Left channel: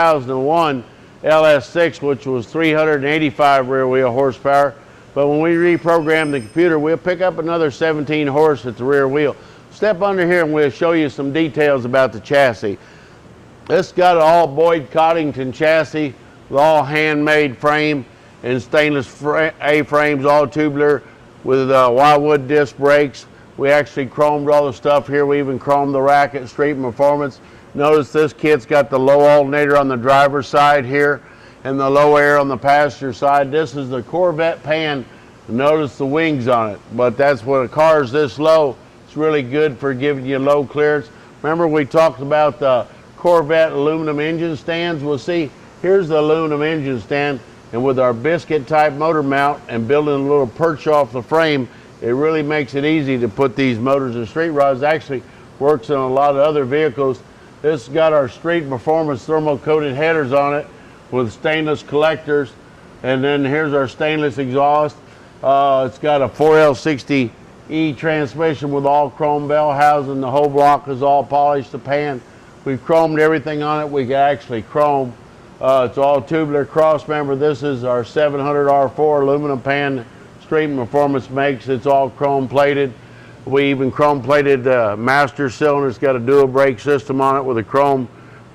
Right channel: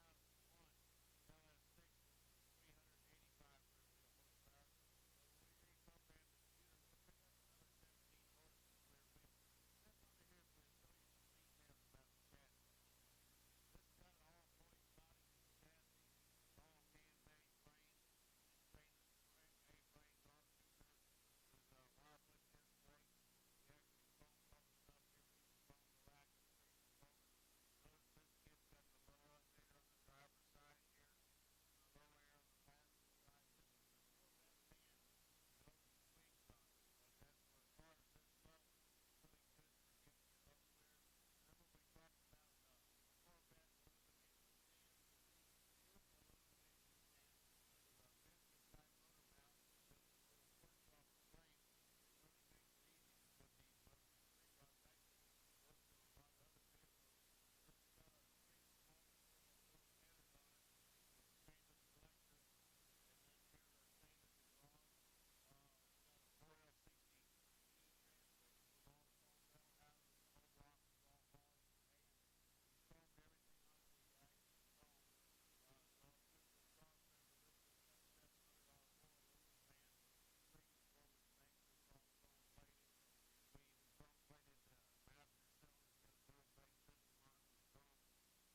2001 LS6, which was 385 rear wheel horsepower. But when we reprogram the computer, we'll pick up another 17 horse at the rear wheel. Step under here and we'll show you some details about the chassis. This got an all Boyd Coddington chassis with all handmade frame and stainless A-frames, all tubular with wildwood disc brakes. We actually chromed all the stuff here. We even chromed the rack at Street Performance. Notice this kit's got the low alternator on the driver's side here and the low air on the passenger side. This is the Corvette pan. Notice the wings on it, but that's when a car is this low, it's really good for giving you low clearance. Remember we talked about the Corvette aluminum engine stands? Well, see, here's the aluminum engine stand, and with our biscuit type motor mount and building a little perch off the frame, it really makes it easy to put these motors in street rods. Actually works in a lot of other vehicles. This has got our Street Performance thermal coated headers on it with stainless collectors, and then here's our stainless exhaust. It's got a 4L60E transmission with all chrome bell housing. The whole block is all polished to pan. We've chromed everything on it. We can actually chrome. It's all tubular cross member. This is our 700R4 aluminum pan Street Performance makes. It's all chrome plated. We even chrome plated master cylinder. It's got a dual brake system on it with a chrome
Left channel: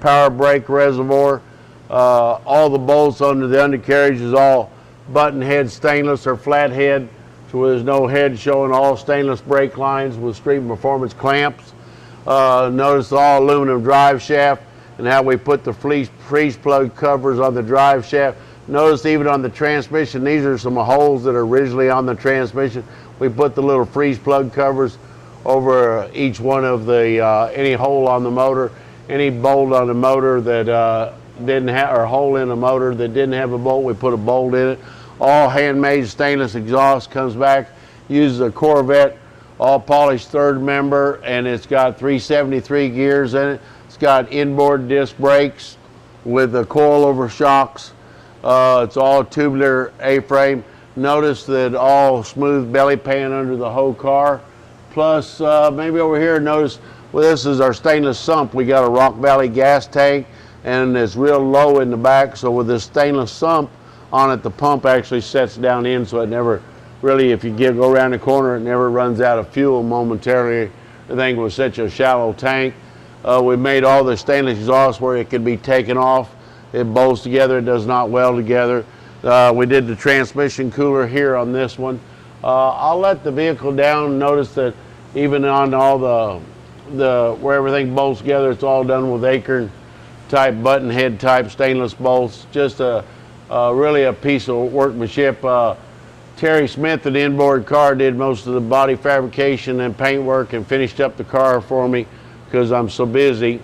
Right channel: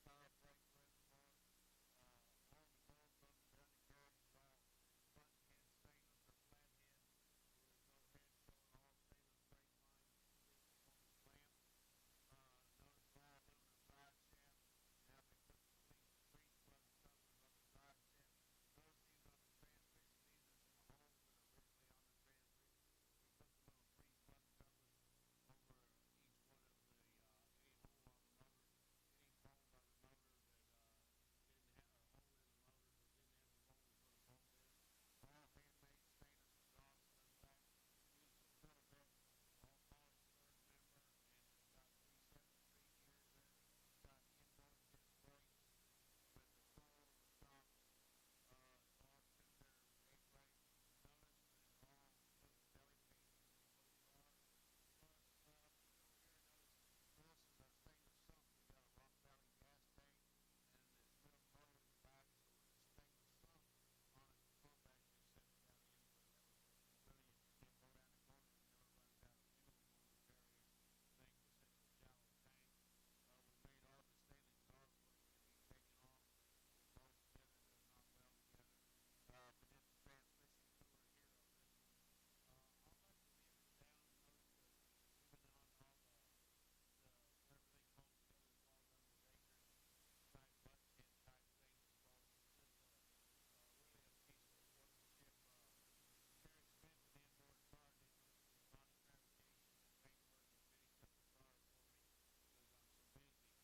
power brake reservoir. All the bolts under the undercarriage is all button head stainless or flat head, so there's no head showing. All stainless brake lines with Street Performance clamps. Notice the all aluminum drive shaft and how we put the freeze plug covers on the drive shaft. Notice even on the transmission, these are some holes that are originally on the transmission. We put the little freeze plug covers over each one of the, any hole on the motor, any bolt on the motor that didn't have, or hole in a motor that didn't have a bolt, we put a bolt in it. All handmade stainless exhaust comes back, uses a Corvette, all polished third member, and it's got 373 gears in it. It's got inboard disc brakes with the coilover shocks. It's all tubular A-frame. Notice that all smooth belly pan under the whole car. Plus, maybe over here, notice, well, this is our stainless sump. We got a Rock Valley gas tank, and it's real low in the back. So with this stainless sump on it, the pump actually sets down in, so it never really, if you go around the corner, it never runs out of fuel momentarily. The thing was such a shallow tank. We made all the stainless exhaust where it could be taken off. It bolts together, it does not weld together. We did the transmission cooler here on this one. I'll let the vehicle down. Notice that even on all the where everything bolts together, it's all done with Acorn type button head type stainless bolts. Just really a piece of workmanship. Terry Smith at Inboard Car did most of the body fabrication and paint work and finished up the car for me because I'm so busy.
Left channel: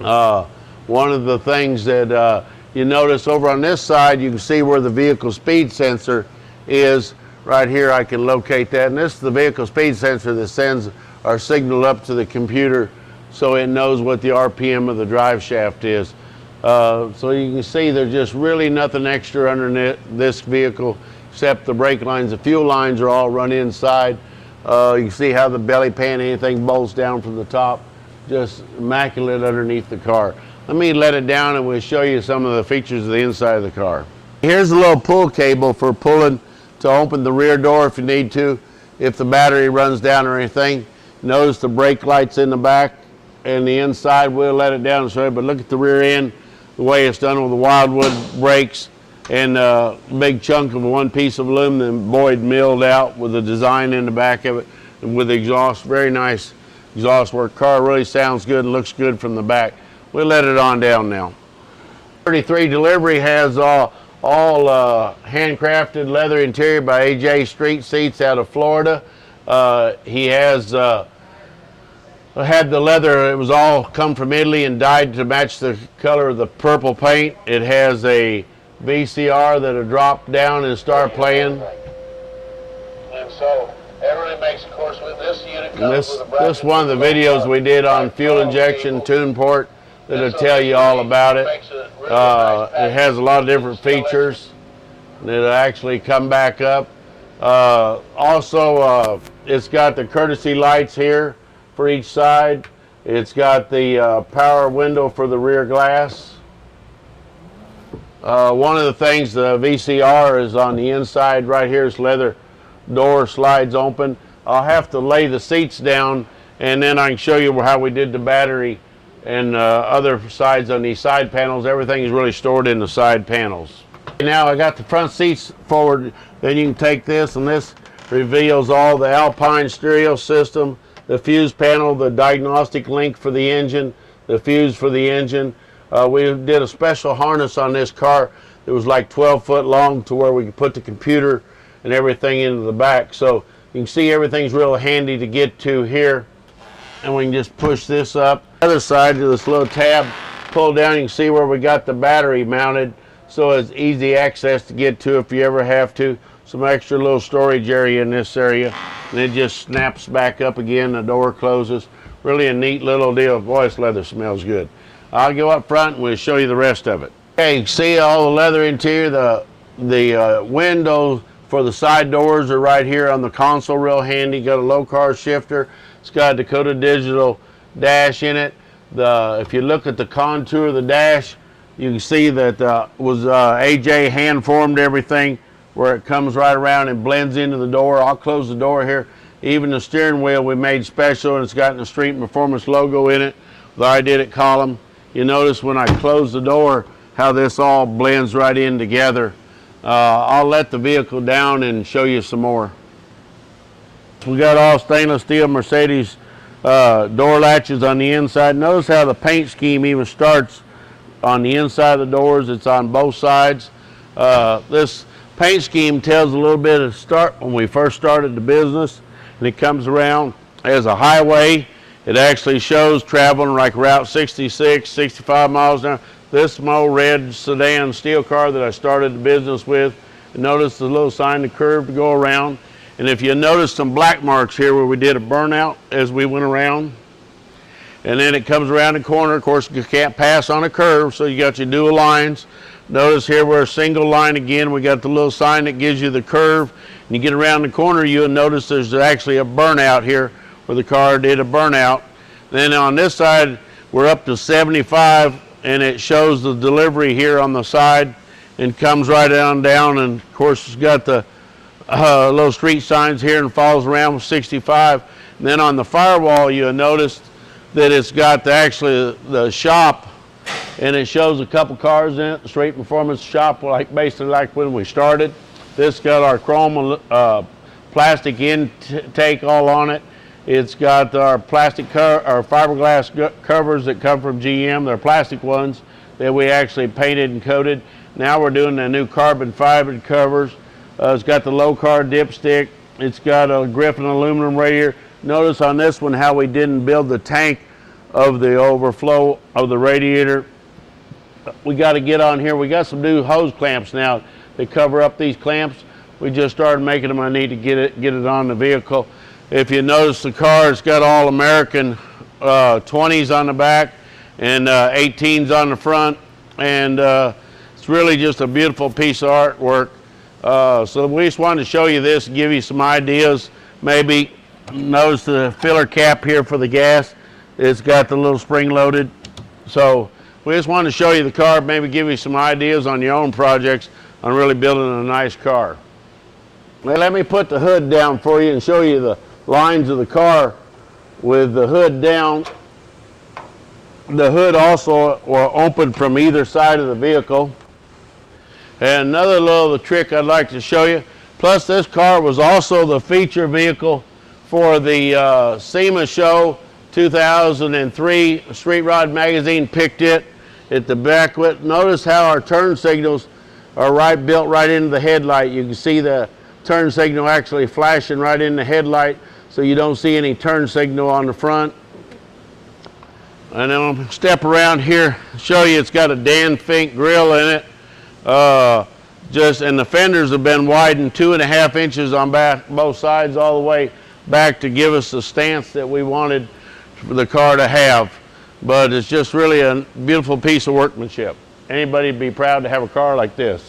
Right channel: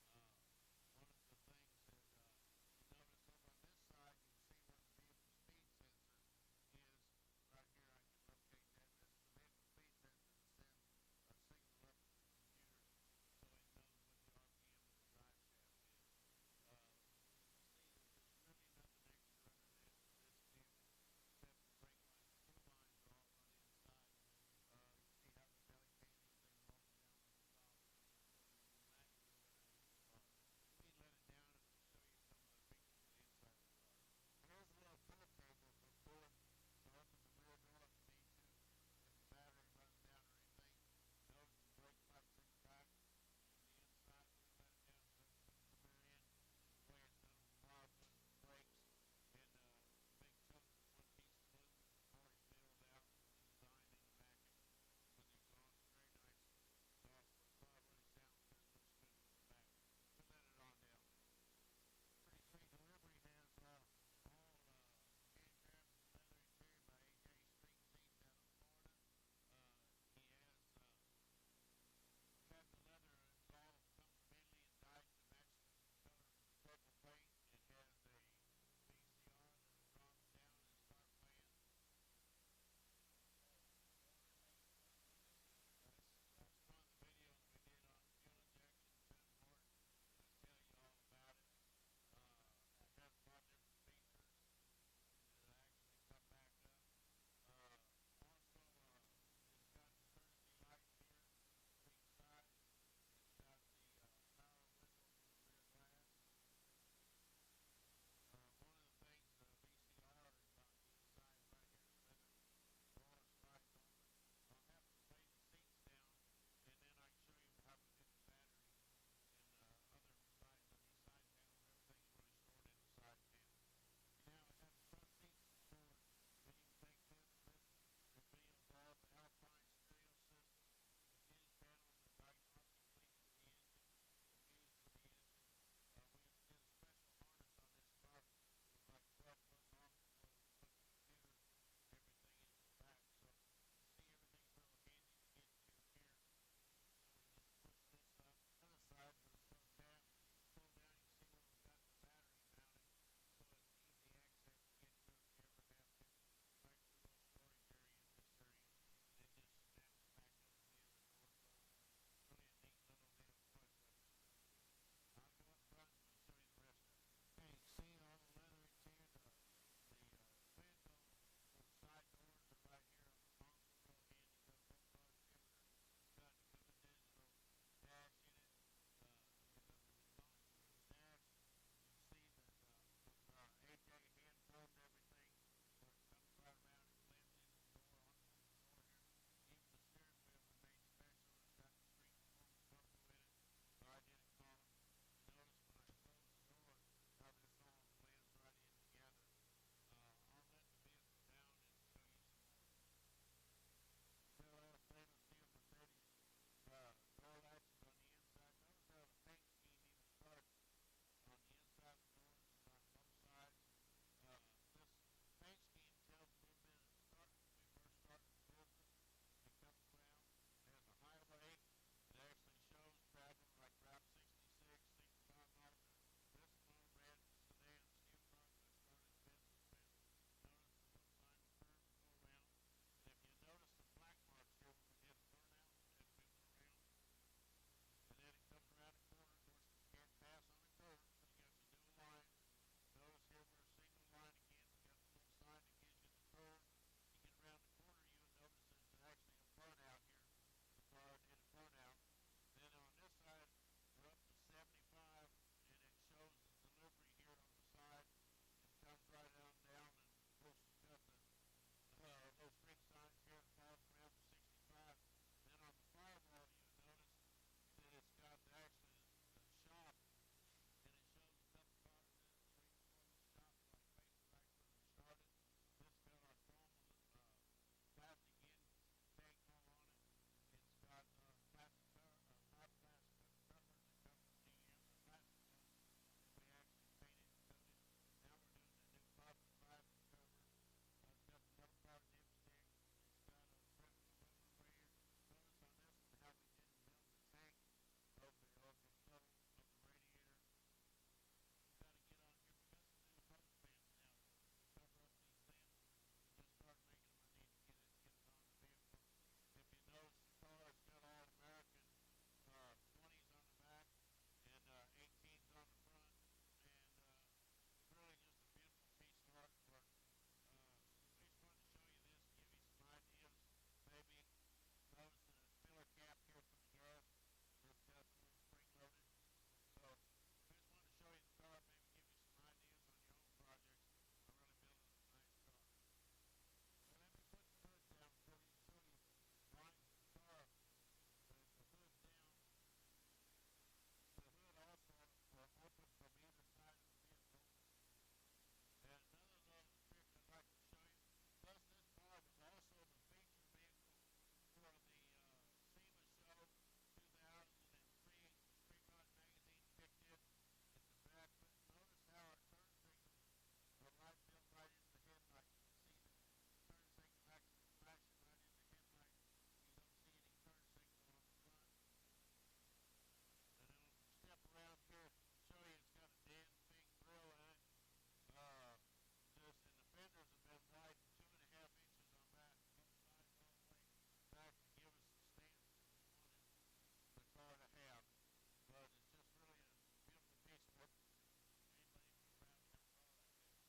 One of the things that you notice over on this side, you can see where the vehicle speed sensor is. Right here I can locate that, and this is the vehicle speed sensor that sends our signal up to the computer so it knows what the RPM of the drive shaft is. So you can see there's just really nothing extra underneath this vehicle except the brake lines. The fuel lines are all run inside. You can see how the belly pan, anything bolts down from the top. Just immaculate underneath the car. Let me let it down and we'll show you some of the features of the inside of the car. Here's a little pull cable for pulling to open the rear door if you need to, if the battery runs down or anything. Notice the brake lights in the back and the inside. We'll let it down and show you, but look at the rear end, the way it's done with the wildwood brakes and a big chunk of one piece of aluminum Boyd milled out with the design in the back of it and with the exhaust. Very nice exhaust work. Car really sounds good and looks good from the back. We'll let it on down now. 33 delivery has all handcrafted leather interior by AJ Street Seats out of Florida. He has had the leather, it was all come from Italy and dyed to match the color of the purple paint. It has a VCR that'll drop down and start playing. And so everybody makes, of course, with this unit comes with a bracket. This is one of the videos we did on fuel injection tune port that'll tell you all about it. It has a lot of different features. It'll actually come back up. Also, it's got the courtesy lights here for each side. It's got the power window for the rear glass. One of the things, the VCR is on the inside right here. This leather door slides open. I'll have to lay the seats down, and then I can show you how we did the battery and other sides on these side panels. Everything is really stored in the side panels. Now I got the front seats forward. Then you can take this, and this reveals all the Alpine stereo system, the fuse panel, the diagnostic link for the engine, the fuse for the engine. We did a special harness on this car that was like 12 foot long to where we could put the computer and everything into the back. So you can see everything's real handy to get to here. And we can just push this up. The other side of this little tab, pull down, you can see where we got the battery mounted. So it's easy access to get to if you ever have to. Some extra little storage area in this area. And it just snaps back up again, the door closes. Really a neat little deal. Boy, this leather smells good. I'll go up front and we'll show you the rest of it. Okay, you can see all the leather interior. The windows for the side doors are right here on the console, real handy. Got a low car shifter. It's got a Dakota Digital dash in it. If you look at the contour of the dash, you can see that was AJ hand formed everything where it comes right around and blends into the door. I'll close the door here. Even the steering wheel we made special, and it's got the Street Performance logo in it, the I Did It column. You notice when I close the door how this all blends right in together. I'll let the vehicle down and show you some more. We got all stainless steel Mercedes door latches on the inside. Notice how the paint scheme even starts on the inside of the doors. It's on both sides. This paint scheme tells a little bit of start when we first started the business, and it comes around as a highway. It actually shows traveling like Route 66, 65 miles an hour. This small red sedan steel car that I started the business with. And notice the little sign, the curve to go around. And if you notice some black marks here where we did a burnout as we went around. And then it comes around the corner. Of course, you can't pass on a curve, so you got your dual lines. Notice here we're a single line again. We got the little sign that gives you the curve. And you get around the corner, you'll notice there's actually a burnout here where the car did a burnout. Then on this side, we're up to 75, and it shows the delivery here on the side and comes right on down. And of course, it's got the little street signs here and follows around with 65. And then on the firewall, you'll notice that it's got actually the shop, and it shows a couple cars in it, the Street Performance shop, basically like when we started. This got our chrome plastic intake all on it. It's got our plastic our fiberglass covers that come from GM. They're plastic ones that we actually painted and coated. Now we're doing the new carbon fiber covers. It's got the low car dipstick. It's got a Griffin aluminum radiator. Notice on this one how we didn't build the tank of the overflow of the radiator. We got to get on here. We got some new hose clamps now that cover up these clamps. We just started making them. I need to get it on the vehicle. If you notice the car, it's got all American 20s on the back and 18s on the front, and it's really just a beautiful piece of artwork. So we just wanted to show you this and give you some ideas. Maybe notice the filler cap here for the gas. It's got the little spring loaded. So we just wanted to show you the car, maybe give you some ideas on your own projects on really building a nice car. Now let me put the hood down for you and show you the lines of the car with the hood down. The hood also will open from either side of the vehicle. And another little trick I'd like to show you, plus this car was also the feature vehicle for the SEMA show 2003. Street Rod Magazine picked it at the back. Notice how our turn signals are built right into the headlight. You can see the turn signal actually flashing right in the headlight, so you don't see any turn signal on the front. And then I'll step around here, show you it's got a Dan Fink grill in it. And the fenders have been widened 2.5 inches on both sides all the way back to give us the stance that we wanted for the car to have. But it's just really a beautiful piece of workmanship. Anybody would be proud to have a car like this.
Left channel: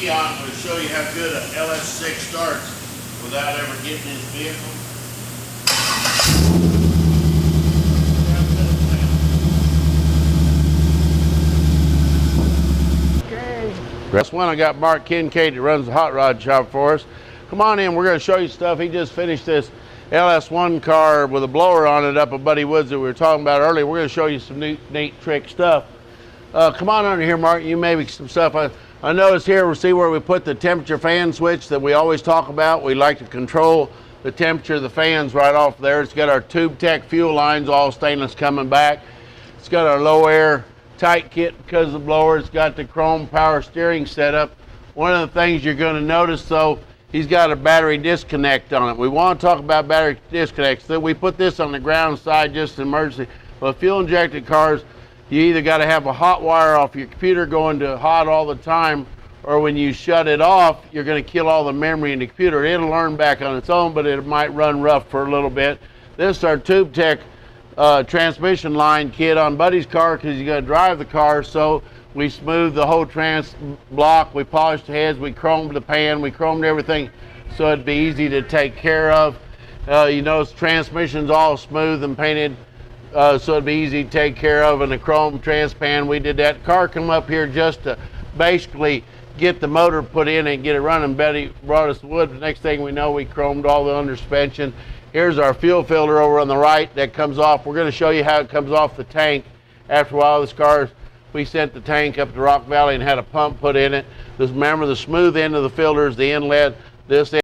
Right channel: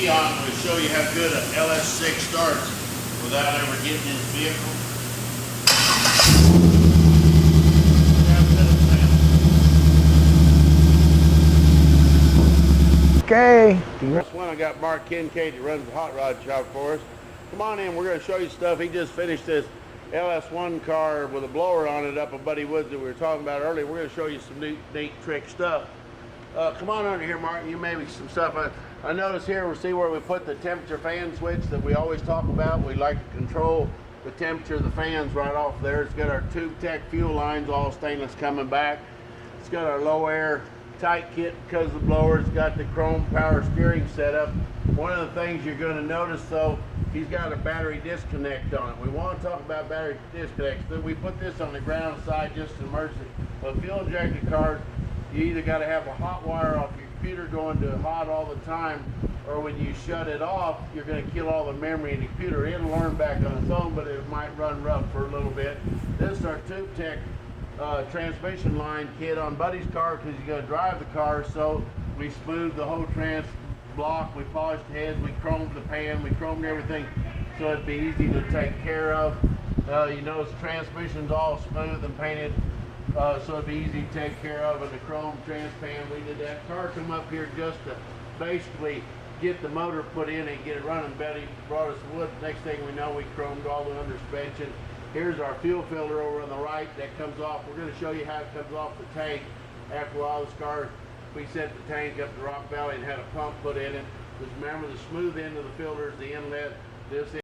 I'm going to show you how good an LS6 starts without ever getting in the vehicle. Okay. That's one I got Mark Kincaid that runs the hot rod shop for us. Come on in, we're going to show you stuff. He just finished this LS1 car with a blower on it up at Buddy Woods that we were talking about earlier. We're going to show you some neat trick stuff. Come on under here, Mark. You maybe some stuff. I noticed here, see where we put the temperature fan switch that we always talk about. We like to control the temperature of the fans right off there. It's got our TubeTech fuel lines, all stainless, coming back. It's got our low air tight kit because of the blower. It's got the chrome power steering setup. One of the things you're going to notice, though, he's got a battery disconnect on it. We want to talk about battery disconnects. So we put this on the ground side just in emergency. But fuel injected cars, you either got to have a hot wire off your computer going to hot all the time, or when you shut it off, you're going to kill all the memory in the computer. It'll learn back on its own, but it might run rough for a little bit. This is our TubeTech transmission line kit on Buddy's car, because you got to drive the car. So we smoothed the whole trans block, we polished the heads, we chromed the pan, we chromed everything so it'd be easy to take care of. You notice the transmission's all smooth and painted, so it'd be easy to take care of. And the chrome trans pan, we did that. Car come up here just to basically get the motor put in and get it running. Betty brought us wood. The next thing we know, we chromed all the under suspension. Here's our fuel filter over on the right that comes off. We're going to show you how it comes off the tank. After a while, this car, we sent the tank up to Rock Valley and had a pump put in it. Just remember, the smooth end of the filter is the inlet. This